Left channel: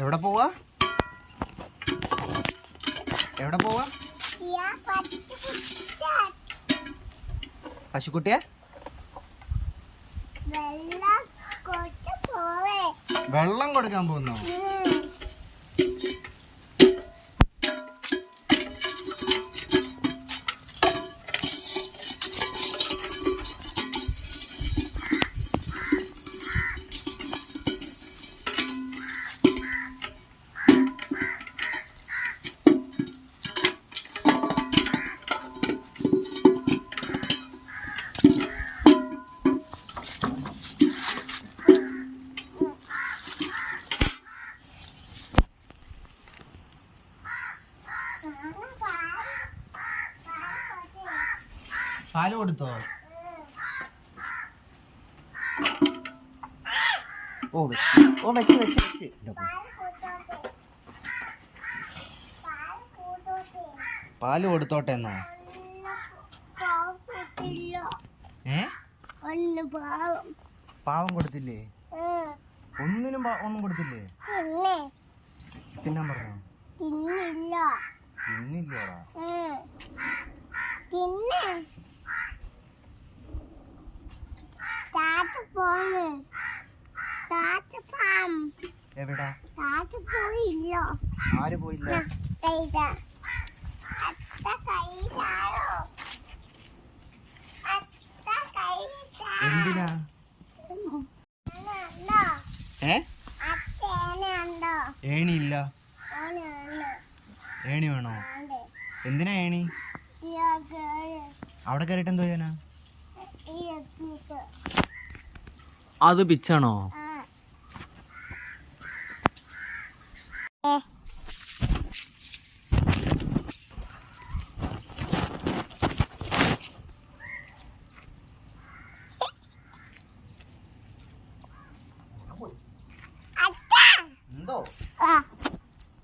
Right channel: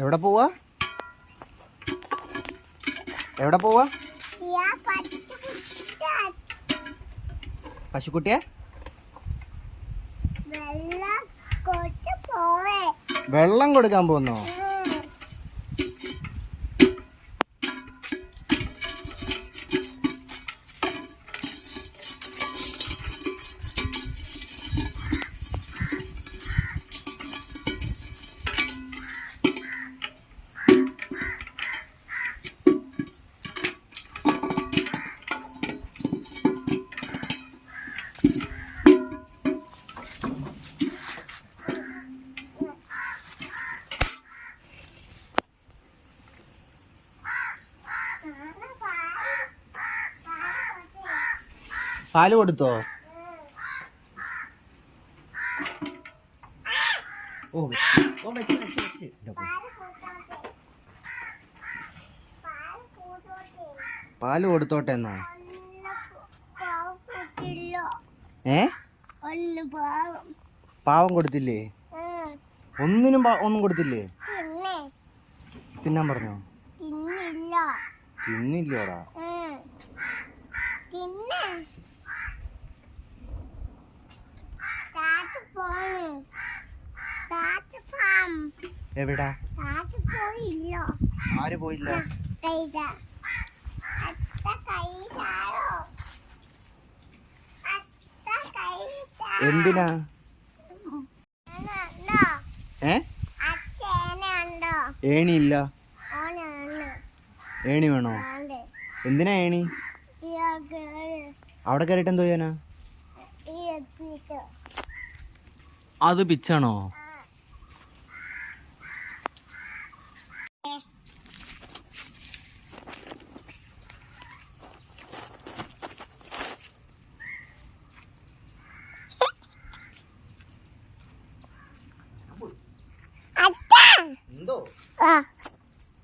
എവിടെ പോവാ? എവിടെ പോവാ? പശുക്കുട്ടിയെ വെള്ളം കൊടുക്കാൻ പോകുന്നോ? പാല് കൊടുത്തോ? വെച്ച് പാല് കൊടുത്തോട്ടെ എന്നോ? പാവം കൊടുത്തില്ലേ? ഒന്നും കൊടുത്തില്ലേ? തിന്നാൻ പറഞ്ഞോ? തിന്നില്ലോടാ. എവിടാ? ആര് പോയില്ല? എന്തിനാ? ഏണിയില്ല. ഏണി വേണോ? എന്തിനാ ഏണി? അവിടെ കയറിയിട്ട് എന്തോ ചെയ്യാനാ? അത് പിച്ചാണോ? എന്തോ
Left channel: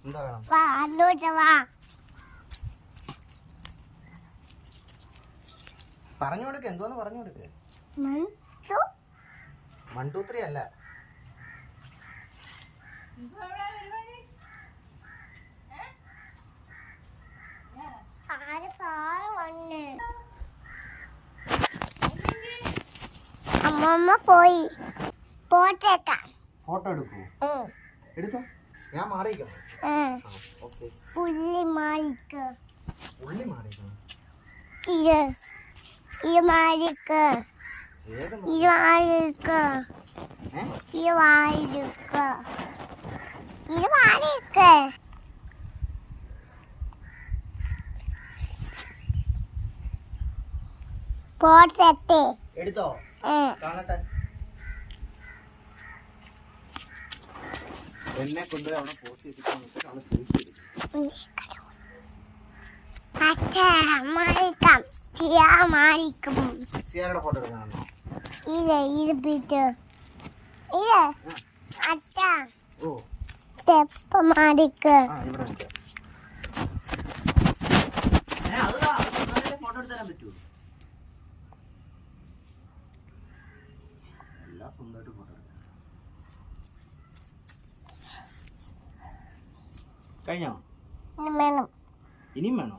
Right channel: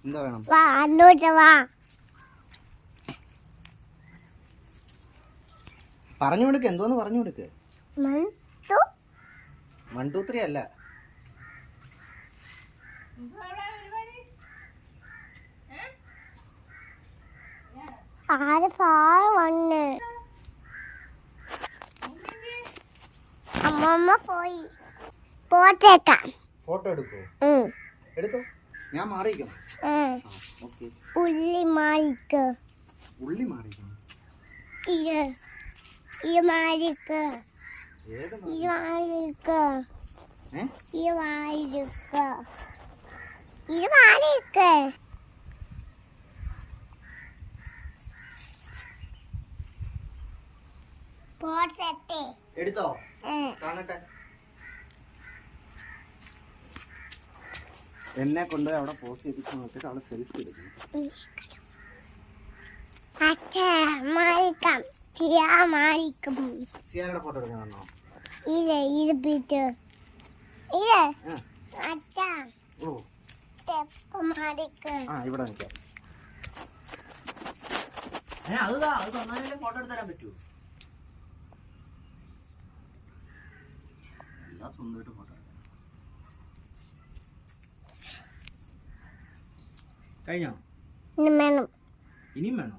എന്താ വേണം? പറഞ്ഞു കൊടുക്ക്. എന്തോന്ന് പറഞ്ഞു കൊടുക്ക്. 1 2 3 അല്ല. അമ്മമ്മ പോയി. ഫോട്ടോ എടുക്കോ? എടുത്തോ. ഞാൻ മാറിയിക്കണം. ഉള്ളി മാറിക്ക്. ഉള്ളി മാറിക്കണം. ഇത് മാറിക്ക്. ഇത് മാറിക്ക്. ഇത് മാറിക്ക്. ഇത് മാറിക്ക്. പോട്ടെ. എടുത്തോ? കാണട്ടെ. എന്നെ കൊണ്ട് അവിടെ പോസ്റ്റ് ചെയ്തിട്ട് നോക്കിട്ട് അവളെ സെൽഫി എടുക്കും. സിയാരുടെ ഫോട്ടോ എടുക്കാനോ? ഇവിടെ ഫോട്ടോ എടുത്തരാൻ പറ്റുമോ? എല്ലാം സ്വന്തമായിട്ട് ഫോട്ടോ കഴിഞ്ഞോ? ഇനിയും വേണോ?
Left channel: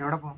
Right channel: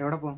എവിടെ പോ?